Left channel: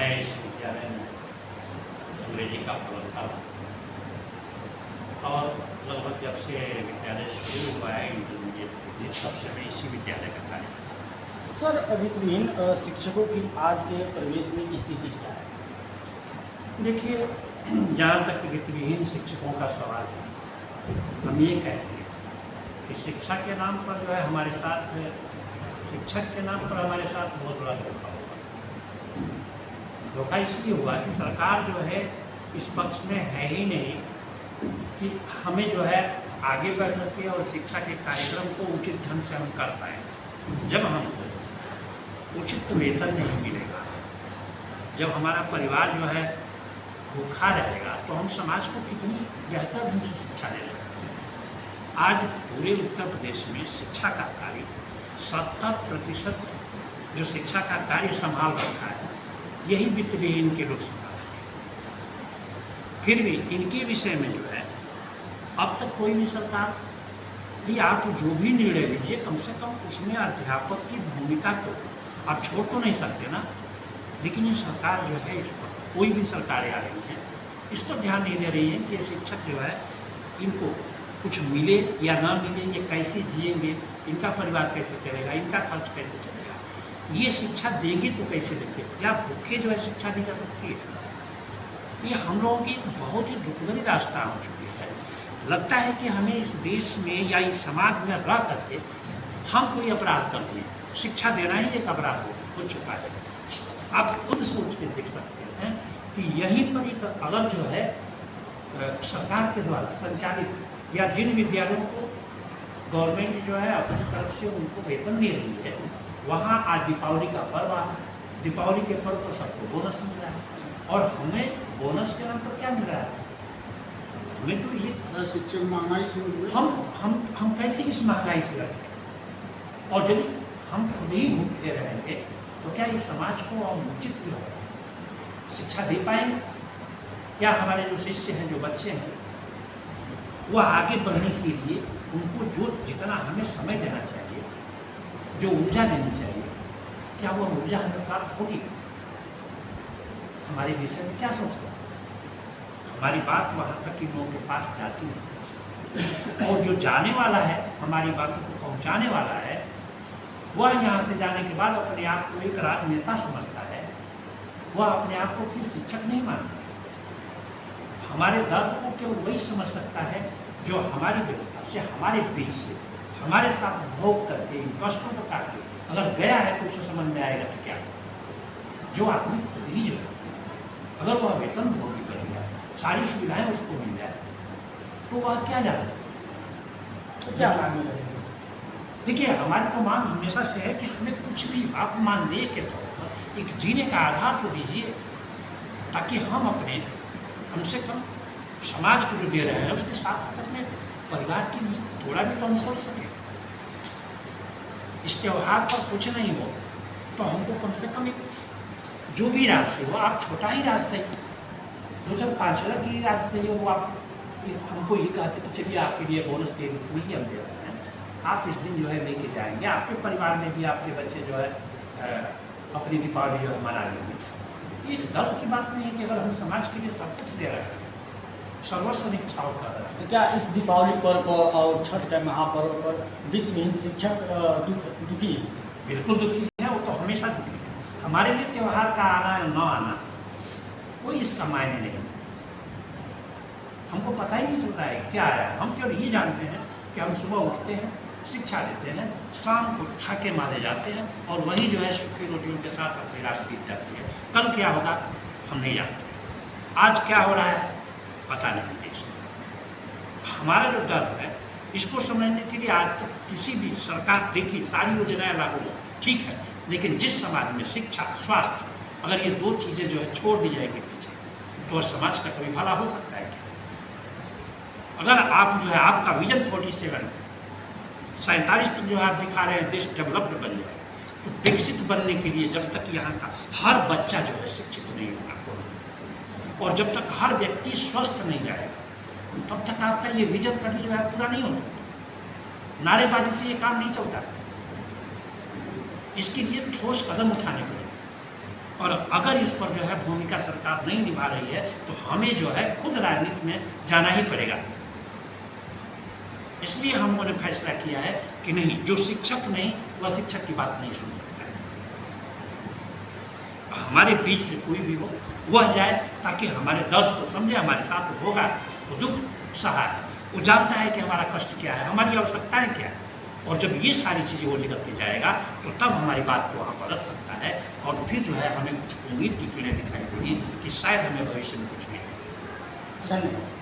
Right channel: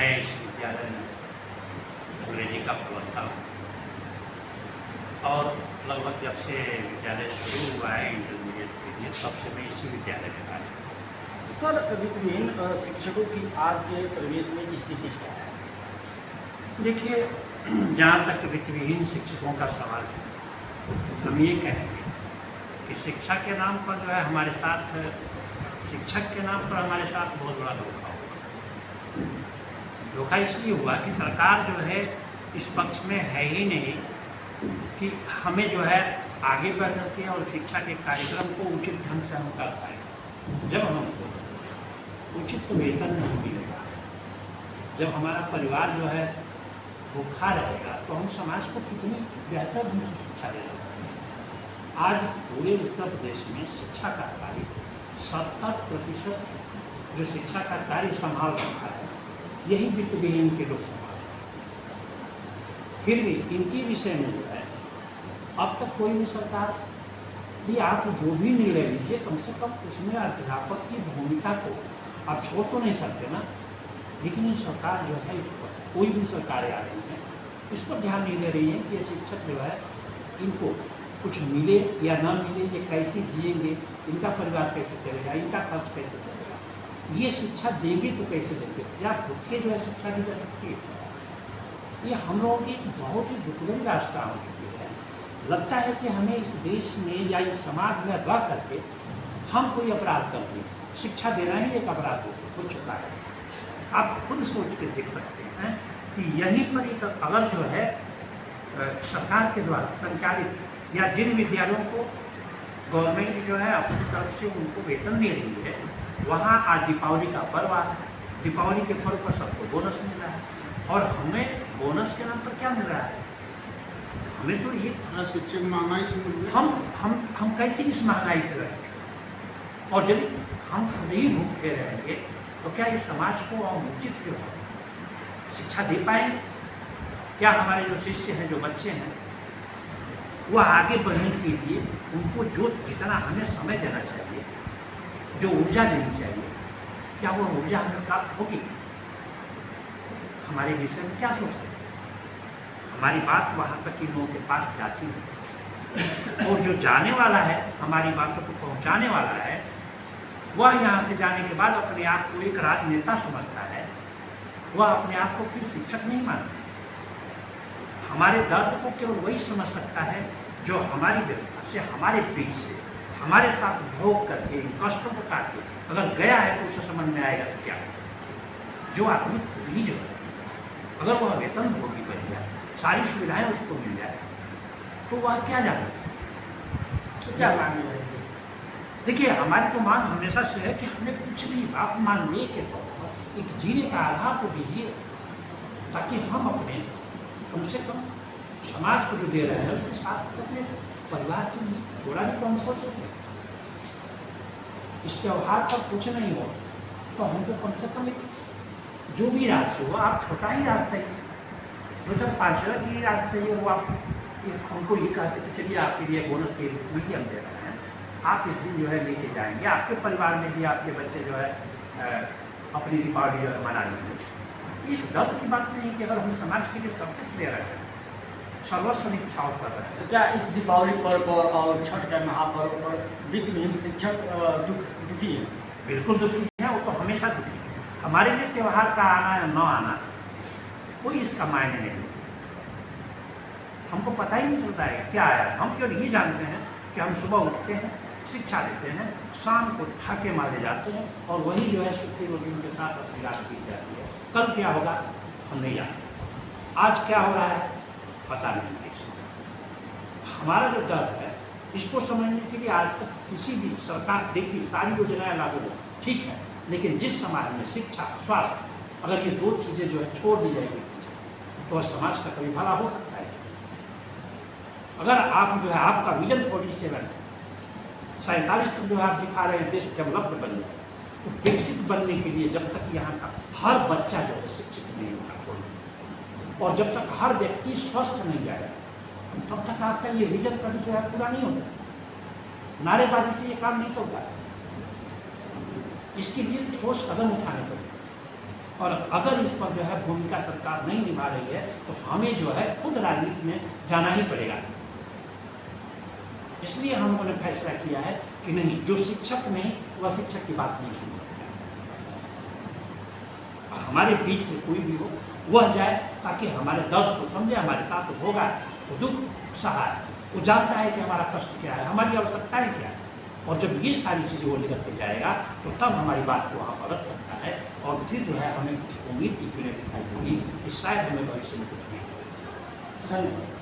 मैं इस विद्यालय में अंग्रेजी का प्रवक्ता हूँ और लगभग जब से विद्यालय शुरू हुआ है इंटरमीडिएट के लिए तब से मैं इसी विद्यालय में था। सर, वित्तविहीन शिक्षकों की आज के परिवेश में स्थिति क्या है? देखिए, जहाँ तक वित्तविहीन शिक्षकों का सवाल है, हम ये कहेंगे कि शिक्षा के नाम पर जो है हमारे साथ, शिक्षक के नाम पर हमारे साथ बहुत बड़ा धोखा हुआ। धोखा इसलिए हुआ कि सरकार जो है इस पक्ष में है ही नहीं कि हमें जो है आगे बढ़ सके और शिक्षा के कार्यक्रम को उचित ढंग से हम कर पाएँ। जब हमको उचित वेतन नहीं मिलेगा, जब हमारा परिवार जो है भूखा रहेगा, तो हम समाज को कितनी बेहतर ढंग से शिक्षा दे सकते हैं। आज पूरे उत्तर प्रदेश में शिक्षा का कार्य 70% जो शिक्षा का कार्य संभाल रखा है, यही वित्तविहीन के लोग संभाल। फिर भी इनके विषय में जो है अब तक कोई भी सरकार, ये आप जो भी निर्णय लीजिए, कम से कम उसमें अध्यापक की भूमिका को आप छोड़ तो नहीं सकते ना। लेकिन ये सरकार जो है, इस पर कोई भी सरकारें आ रही हैं, इस पर ध्यान नहीं दे रही है कि ये शिक्षक जो है इनको कुछ मिले या ना मिले, ये कैसे जिएंगे, इनका परिवार कैसे चलेगा, इनका खर्च कैसे चलेगा। ये शिक्षा देंगे तो कैसे देंगे, या भूखे जो है शिक्षा दी जा सकती है। ये हम लोगों की बहुत ही दुखभरी रास्ता हो चुकी है। लगता है कि हमें इस देश में या इस समाज में रह करके हम कोई अपराध कर दें, शिक्षा देना ही एक अपराध हो चुका है। आप खुद सोच के देख सकते हैं कि यहीं पर एक अगर जो है सरकार के द्वारा संचालित या जिन विद्यालयों को गवर्नमेंट जो है अपनी तरफ से उनको वेतन दे रही है, वहाँ आज दीपावली का पर्व आ, दीपावली के पर्व पर सबको बोनस मिल रहा है। और हमें बोनस के नाम पर क्या मिल रहा है? हमें तो ये शिक्षक महंगाई से हम कैसे इस महंगाई से लड़ेंगे? और यदि हम खुद ही भूखे रहेंगे तो क्या इस समाज को और उचित जो है शिक्षा दे पाएंगे? क्या हमारे जो शिष्य हैं, जो बच्चे हैं, वह आगे बढ़ने के लिए उनको जो जितना हमें समय देना चाहिए, जो ऊर्जा देनी चाहिए, क्या वो ऊर्जा हमें प्राप्त होगी? हमारे विषय में क्या सोच रहे हैं? हमारी बात वहाँ तक इन लोगों के पास जाती है, और जो जाने वाला है, हमारी बातों को पहुँचाने वाला है, वह यहाँ से जाने के बाद अपने आप को एक राजनेता समझता है, वह अपने आप को फिर शिक्षक नहीं मानता। हमारे दर्द को केवल वही समझ सकता है जो हमारी व्यवस्था से, हमारे बीच से, हमारे साथ भोग करके, इन कष्टों को काट के अगर गया है तो उसे समझ में आएगा कि क्या जो आदमी खुद ही जो है, अगर वह वेतन भोगी बन गया, सारी सुविधाएं उसको मिल जाए, तो वह क्या जाने? तो क्या मांगे जाएंगे? देखिए, हमारी तो मांग हमेशा से है कि हमें कुछ भी आप मानदेय के तौर पर एक जीने का आधार तो दीजिए, ताकि हम अपने कम से कम समाज को जो दे रहे हैं उसके साथ साथ अपने परिवार के लिए थोड़ा भी तो हम सोच सकें। इस त्यौहार पर कुछ नहीं हो तो हमको कम से कम एक जो भी राशि हो, आप छोटा ही राशि सही, 2-5 की राशि सही, वो आप हमको ये कहते कि चलिए आपके लिए बोनस के रूप में ही हम दे रहे हैं, आप इस दिन जो है लेके जाएंगे, आपके परिवार में भी आपके बच्चे जो है अपनी दीपावली जो है मना लेंगे। ये दर्द की बात नहीं है कि अगर हम समाज के लिए सब कुछ दे रहे हैं, सर्वस्व इच्छाओं कर रहे हैं। क्या इस दीपावली पर्व पर और छठ के महापर्व पर वित्तविहीन शिक्षक दुखी हैं? बिल्कुल दुखी है, वो तो हमेशा दुखी है। हमारे लिए त्यौहार का आना या न आना कोई इसका मायने नहीं, हमको पता ही नहीं चलता है क्या आया। हम केवल ये जानते हैं कि हम सुबह उठते हैं, शिक्षा लेते हैं, शाम को ठाके मारे जाते हैं, और वही जो है सूखी रोटियों के साथ अपनी रात बीत जाती है। कल क्या होगा हम नहीं जानते, आज क्या हो रहा है पता नहीं देश में। हमारा जो डर है, इसको समझने के लिए आज तक किसी भी सरकार, देखिए सारी योजनाएं लागू हो, ठीक है, लेकिन जिस समाज में शिक्षा, स्वास्थ्य, अगर ये 2 चीज़ें जो है छोड़ दी जाएगी पीछे, तो समाज का कभी भला हो सकता है? अगर आप जो है आपका विजन 47 तक जो आप दिखा रहे हैं देश डेवलप्ड बन जाए, तो विकसित बनने के लिए जब तक यहाँ का हर बच्चा जो है शिक्षित नहीं होगा, और जब तक हर व्यक्ति स्वस्थ नहीं जाएगा, तब तक आपका ये विजन कभी जो है पूरा नहीं हो सकता। नारेबाजी से ये काम नहीं चलता है, इसके लिए ठोस कदम उठाने पड़ेंगे। और अगर इस पर जो है भूमिका सरकार नहीं निभा रही है तो हमें जो है खुद राजनीति में जाना ही पड़ेगा। इसलिए हम लोगों ने फैसला किया है कि नहीं, जो शिक्षक नहीं वह शिक्षक की बात नहीं सुन सकता। हमारे बीच से कोई भी हो वह जाए, ताकि हमारे दर्द को समझे, हमारे साथ होगा तो दुख सहा, वो जानता है कि हमारा कष्ट क्या है, हमारी आवश्यकताएं क्या है। और जब ये सारी चीज़ें वो निकल के जाएगा तो तब हमारी बात को वहाँ पर रख सकता है, और फिर जो है हमें कुछ उम्मीद की किरणें दिखाई देगी कि शायद हमें भविष्य में कुछ नहीं। धन्यवाद।